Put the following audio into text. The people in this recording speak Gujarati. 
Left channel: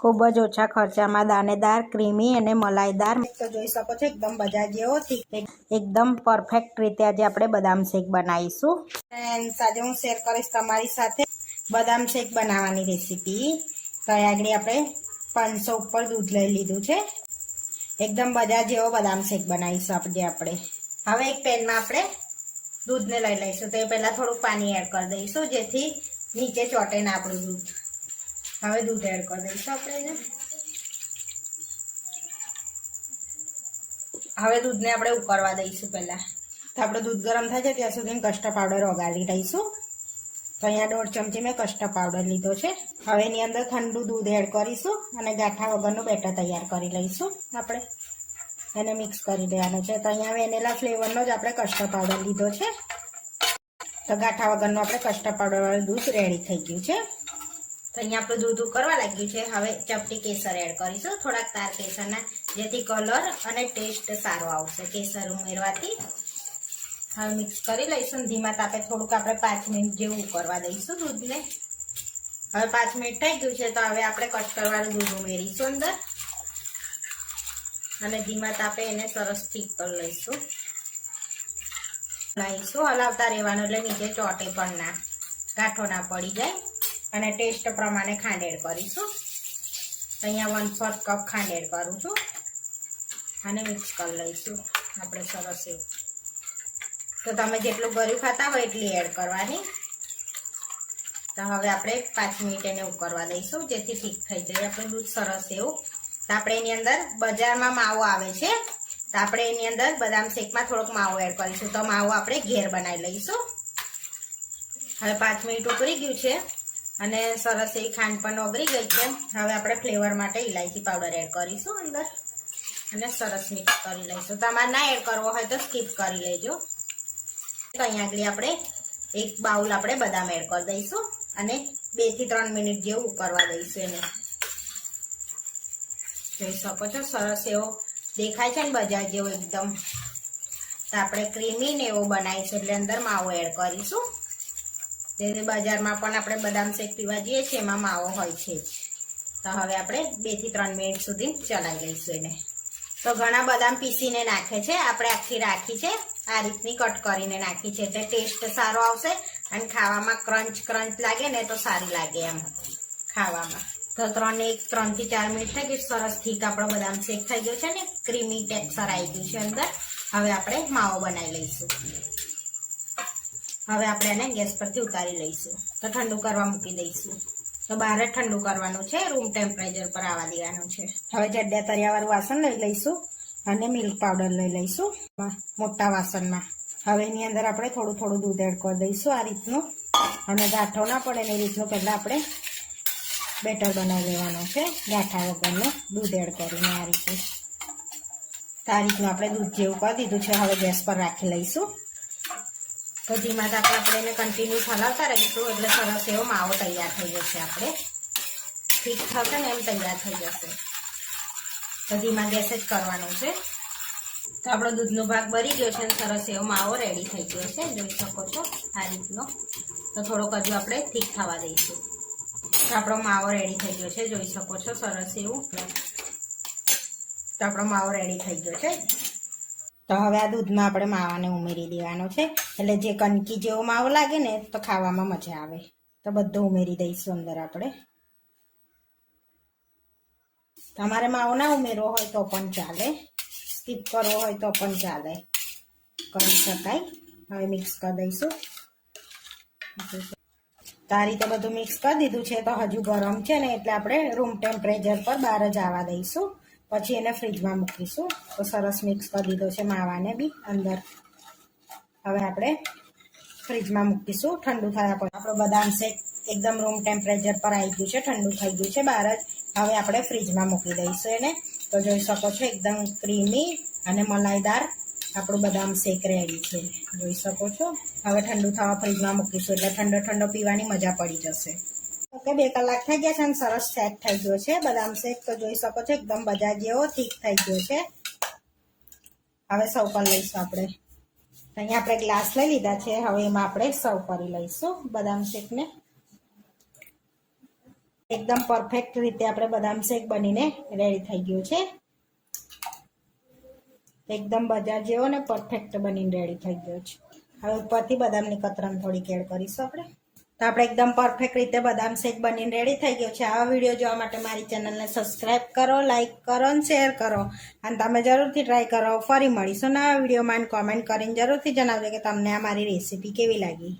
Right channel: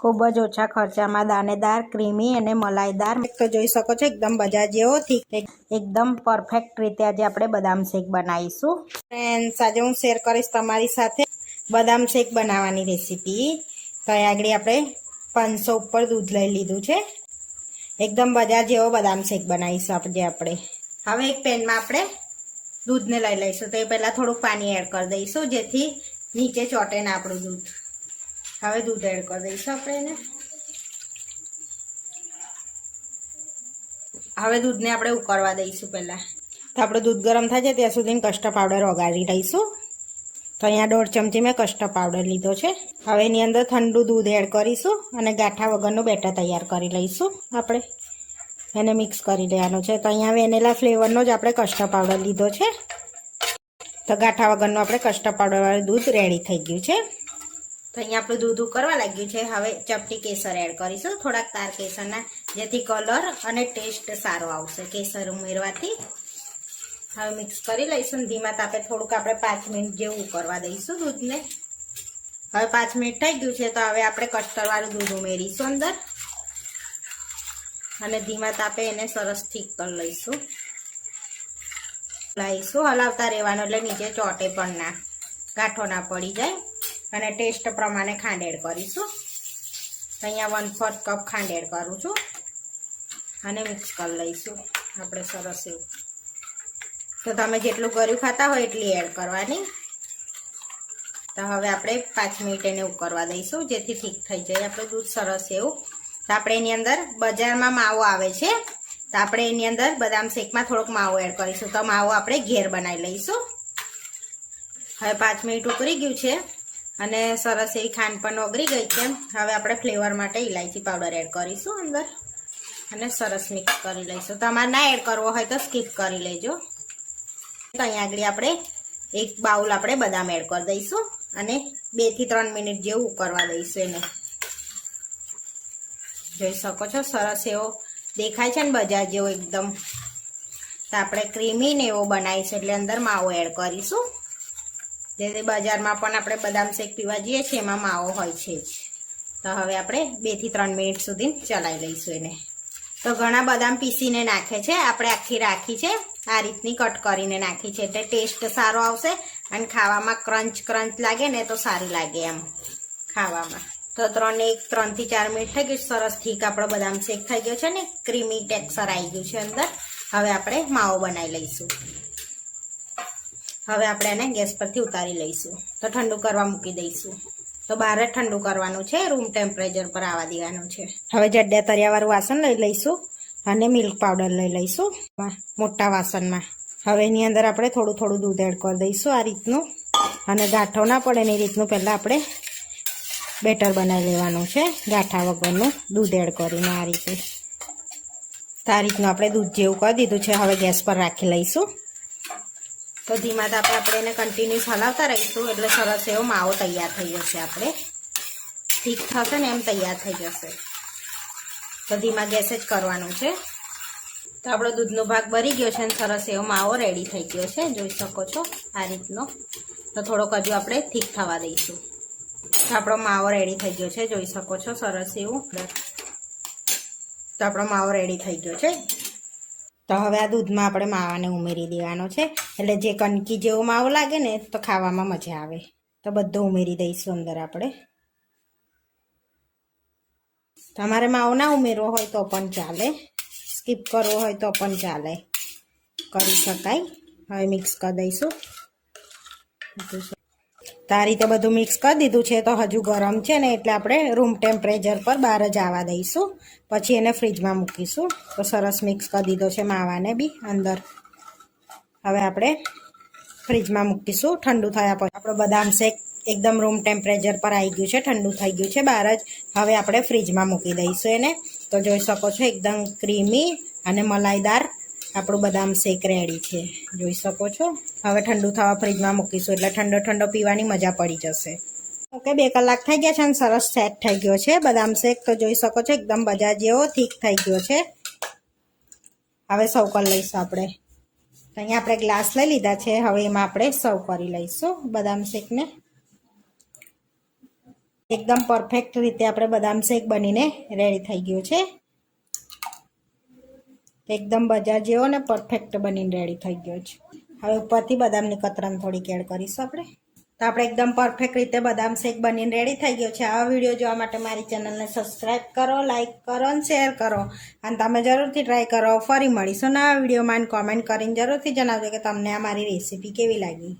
ખૂબ જ ઓછા ખર્ચામાં દાણેદાર ક્રીમી અને મલાઈદાર તો જોઈ શકો છો એકદમ બજાર જેવો એકદમ પરફેક્ટ રીતે આજે આપણે બદામ શેક બનાવીશું ફ્રેન્ડ્સ આજે હું શેર કરીશ તમારી સાથે બદામ શેક બનાવવાની રેસીપી તો આગળ આપણે 500 ઉપર દૂધ લઈ લીધું છે એકદમ બજાર જેવો બદામ શેક બનાવીશું આપણે હવે એક પેનમાં આપણે દૂધને લઈ લઈશું તો એ પહેલાં થોડુંક પાણી એડ કરી દઈશું જેથી નીચે ચોટે ને આપણું દૂધ હવે દૂધ એડ કરી દઈશું આપણે એને હવે દૂધને આપણે ઉકળવા દઈશું પહેલાં તો આપણું દૂધ ગરમ થાય છે ત્યાં સુધી કસ્ટર્ડ પાવડર ઓગાળી લઈશું તો અહીંયા 1.5 ચમચી મેં કસ્ટર્ડ પાવડર લીધો છે હવે એની અંદર ઠંડુ દૂધ એડ કરીશું અને ગાંઠા વગરનું બેટર તૈયાર કરી લઈશું આપણે એને મિક્સ કરી દેવાનું છે તો અહીંયા વેનીલા ફ્લેવરનો જ આપણે કસ્ટર્ડ પાવડર લીધો છે તો ગાંઠા વગરનું આપણે કસ્ટર્ડ પાવડરવાળું દૂધ રેડી થઈ ગયું છે તો અહીંયા આપણું દૂધ ઉકળવા લાગ્યું છે હવે ચપટી કેસર એડ કરીશું થોડાક તાર કેસરના જેથી કલર અને ટેસ્ટ સારો આવશે કેસર ઉમેરવાથી હવે મિક્સ કરી લઈશું ધીમા તાપે થોડુંક આપણે 5 મિનિટ જેવું ઉકળવા દઈશું દૂધને હવે 5 મિનિટ થઈ ગયું છે તો હવે આપણે કસ્ટર્ડવાળું દૂધ ઉમેરીશું અંદર અને ધીમા તાપે એને સરસ ઠીક કરી લઈશું હલાવતા રહેવાનું એટલે નીચે ચોટે પણ ના ગાંઠો ના પડી જાય અને ટેસ્ટ પ્રમાણે ખાંડ એડ કરીશું તો અહીંયા 1/4 કપ ખાંડ એડ કરું છું અને મિક્સ કરી લઈશું આપણે સરસ એવું તો તમે જેટલું ગળ્યું ખાતા હોય એટલી એડ કરવાની તો હવે આપણે 5 મિનિટ એને ઉકળવા દઈશું જેથી ઠીક થઈ જાય આપણું દૂધ સરસ એવું તો આપણે એની અંદર બજારમાં માવો આવે છે તો આપણે એની અંદર બદામ શેકમાં થોડોક માવો એડ કરીશું તો માવો આપણે ઘેર બનાવી લઈશું હવે 5 મિનિટ ઉકળી ગયું છે અને સરસ એવી ખાંડ પણ ઓગળી ગઈ છે હવે આપણે ફ્લેવર માટે ઇલાયચી પાવડર એડ કરીશું અંદર અને સરસ મિક્સ કરી લઈશું તમારે ના એડ કરવો હોય તો સ્કીપ કરી લેજો તો અહીંયા આગળ આપણે એક બાઉલ આપણે બદામ એડ કરી દઈશું અને 2 થી 3 મિનિટ જેવું ઉકળવા દઈશું એને જોઈ શકો છો સરસ એવો દેખાય છે ને બજાર જેવો એકદમ તો આપણે ક્રીમી ને એવો બનાવીશું એટલે અંદર માવો એડ કરીશું જે બજારમાં પણ આપણે બદામ શેક પીવા જઈએ છીએ એમાં માવો હોય છે જ તો હવે આપણે 2 થી 3 મિનિટ સુધી ચલાવી લઈશું એને તો ઘણા બદામ પીસીને નાખે છે આપણે આખી રાખી છે આ રીતની કટ કરીને નાખી છે એટલે ટેસ્ટ સારો આવશે અને ખાવામાં ક્રંચ લાગે ને તો સારું લાગે એમ ખાવામાં તો 3 થી 4 મિનિટ થઈ ગઈ સરસ ઠીક આપણો બદામ શેક થઈ ગયો છે ને ક્રીમી ટેક્સચર આવી ગયું છે અંદર હવે આપણે માવો બનાવી લઈશું હવે આપણે એને ગેસ પરથી ઉતારી લઈશું તો ઠંડુ કરવા મૂકી દઈશું તો બહાર જ ઠંડુ કરવાનું છે રૂમ ટેમ્પરેચર પર આવવા દેવાનું છે હવે જડ્યા તરિયાવાળું વાસણ લઈ લઈશું અને મિલ્ક પાવડર લઈ લઈશું મોટા વાસણમાં હવે એની અંદર આપણે થોડું દૂધ એડ કરી દઈશું આ રીતનું અને ગાંઠો ના પડે ને એ રીતનું પહેલાં આપણે બેટર બનાવી લેવાનું છે ગાંઠા વગરનું દૂધ એડ કરીને આ રીતે તો આ રીતનું આપણે દૂધ જેવું કરી દીધું છે હવે ગેસ પર રાખી લઈશું તો ધીમા તાપે આપણે એને કન્ટિન્યુઅસ હલાવતા રહીશું એટલે સરસ એવો માવો તૈયાર થઈ જશે આપણે ઠીક થશે ને એમ તૈયાર થઈ જશે તો ધીમા ગેસે જ કરવાનું છે તો આપણો દૂધનો ભાગ ભરી ગયો છે અને સરસ એવો માવો રેડી થઈ ગયો છે જોઈ શકો છો આ રીતનો તો થોડોક હજુ આપણે ઠીક થવા દઈશું તો આપણો માવો રેડી થઈ ગયો છે જોઈ શકો છો સરસ એવું તો આપણો માવો રેડી થઈ ગયો છે તો હવે આ દૂધમાં આપણે માવાને ઉમેરી દેવાનો છે એટલે જે કણકી જેવો માવો લાગે ને તો ખાવામાં મજા આવે તો બધું ઉમેરી દઈશું અંદર આપણે તમારે માવો ના ઉમેરવો હોય તો પણ ચાલે સ્કીપ કરવો હોય તો પણ ચાલે કરી શકાય હવે મિક્સ કરી દઈશું તો આ રીતે બધું મિક્સ કરી દીધું છે તો હજુ ગરમ છે ને એટલે આપણે રૂમ ટેમ્પરેચર પર બહાર જ આવવા દઈશું પછી એને ફ્રીજમાં મૂકીશું તો સરસ મિક્સ કરી દીધો છે માવાને બી અંદર હવે આપણે ફ્રીજમાં મૂકીશું ઠંડુ થયા પછી આપણો બદામ શેક એકદમ રૂમ ટેમ્પરેચર પર આવી ગયું છે ઠંડુ થઈ ગયું છે બહાર જ હવે આપણે ફ્રીજમાં મૂકી દઈશું એને તો જોઈ શકો છો એકદમ ક્રીમી અને મલાઈદાર આપણું બદામ શેક રેડી છે જોઈ શકો છો હવે ઠંડુ થવા ફ્રીજમાં મૂકીશું એટલે ઠંડો પીવાની મજા પડી જશે ઓકે 2 કલાક થઈ ગયા છે અને સરસ સેટ થઈ ગયો છે બદામ શેક તો જોઈ શકો છો એકદમ બજાર જેવો ઠીક થઈ ગયો છે હવે સર્વ કરી લઈશું આપણે અહીંયા આપણે ગ્લાસ લઈ લીધા છે હવે એમાં આપણે સર્વ કરી લઈશું બદામ શેકને એકદમ પરફેક્ટ રીતે આપણે બદામ શેક બનીને રેડી થઈ ગયું છે. એકદમ બજાર જેવો ને પરફેક્ટ બનીને રેડી થઈ ગયો છે. હવે ઉપરથી બદામની કતરણ થોડીક એડ કરીશું આપણે. તો આપણે એકદમ પરફેક્ટ રીતે બદામ શેક બનીને રેડી થઈ ગયો છે. આવા વિડીયો જોવા માટે મારી ચેનલને સબસ્ક્રાઈબ કરો, લાઈક કરો અને શેર કરો. અને તમે જરૂરથી ટ્રાય કરો. ફરી મળીશું નવા વિડીયોમાં. કોમેન્ટ કરીને જરૂરથી જણાવજો કે તમને આ મારી રેસીપી કેવી લાગી.